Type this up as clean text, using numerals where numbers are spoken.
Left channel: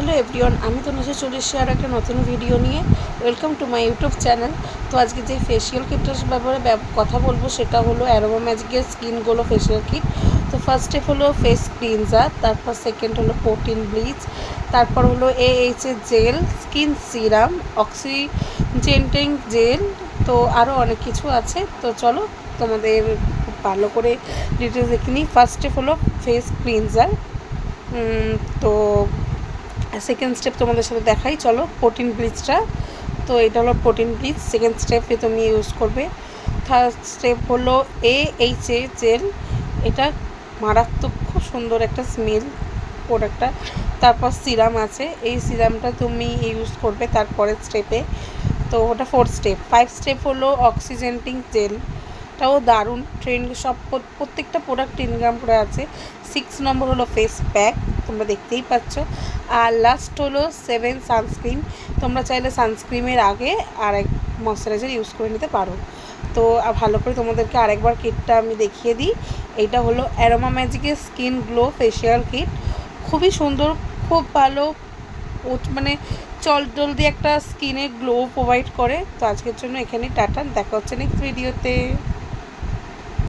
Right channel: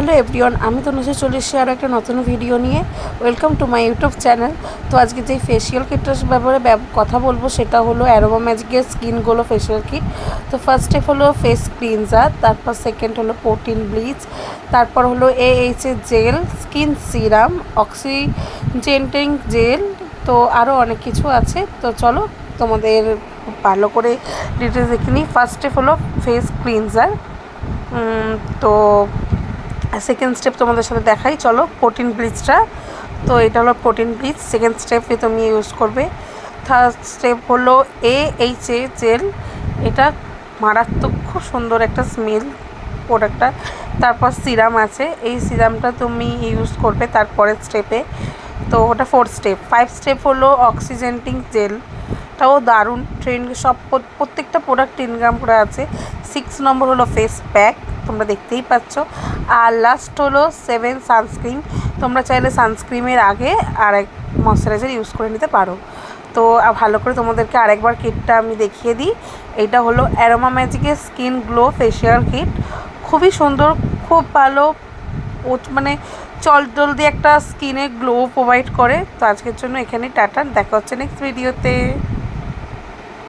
Hello everyone, আমি তনুশ্রী চলে এসেছি আর একটা নতুন ভিডিও নিয়ে। Welcome to my YouTube channel. তো আজকে যে ফেসিয়াল কিটটার ব্যাপারে কথা বলবো সেটা হলো অ্যারোমা ম্যাজিকের স্কিন গ্লো ফেসিয়াল কিট। তো ফার্স্ট স্টেপ হলো ফেস ক্লিনজার, তারপর সেকেন্ড হলো প্রোটিন ব্লিচ, তারপর হলো AHA gel, skin serum, oxygenating gel, তো আরও অনেক কিছু আছে। তো চলো তোমাদের ভালো করে ডিটেলস দেখে নিই। ফার্স্ট স্টেপ হলো ফেস ক্লিনজার। তো সেকেন্ড স্টেপ তোমাদের সাথে দেখাই, চলো। প্রোটিন ব্লিচটা, তো এটা হলো প্রোটিন ব্লিচ, সেকেন্ড স্টেপে তুমি ইউজ করবে। থার্ড স্টেপ হলো AHA জেল, এটা মারাত্মক খুব সুন্দর একটা স্মেল প্রোডাক্টটা। তারপর সিরাম আছে, এই সিরামটা তুমি ইউজ করবে তারপরের স্টেপে। তো ওটা ফোর্থ স্টেপ। ফাইভ স্টেপ হলো অক্সিজেন্টিং জেল, তাও দারুণ ট্রেন্ড, সব প্রত্যেকটা প্রোডাক্ট 3 গ্রাম করে আছে। 6 নম্বর হলো ফেস প্যাক, তোমরা দেখতেই পাচ্ছ। আর লাস্ট হলো 7 সানস্ক্রিন, তোমরা চাইলে সানস্ক্রিনের আগে আর এক ময়শ্চারাইজার ইউজ করে নিতে পারো। তো ভালো করে তোমাদেরকে আরেকবার কিটটা আমি দেখিয়ে দিই। এইটা হলো অ্যারোমা ম্যাজিকের স্কিন গ্লো ফেসিয়াল কিট, খুবই সুন্দর, খুব ভালো, মানে জলদি একটা স্কিনে গ্লো প্রোভাইড করে। তো আজকের জন্য এখানে টাটা, দেখা হচ্ছে নেক্সট ভিডিওতে।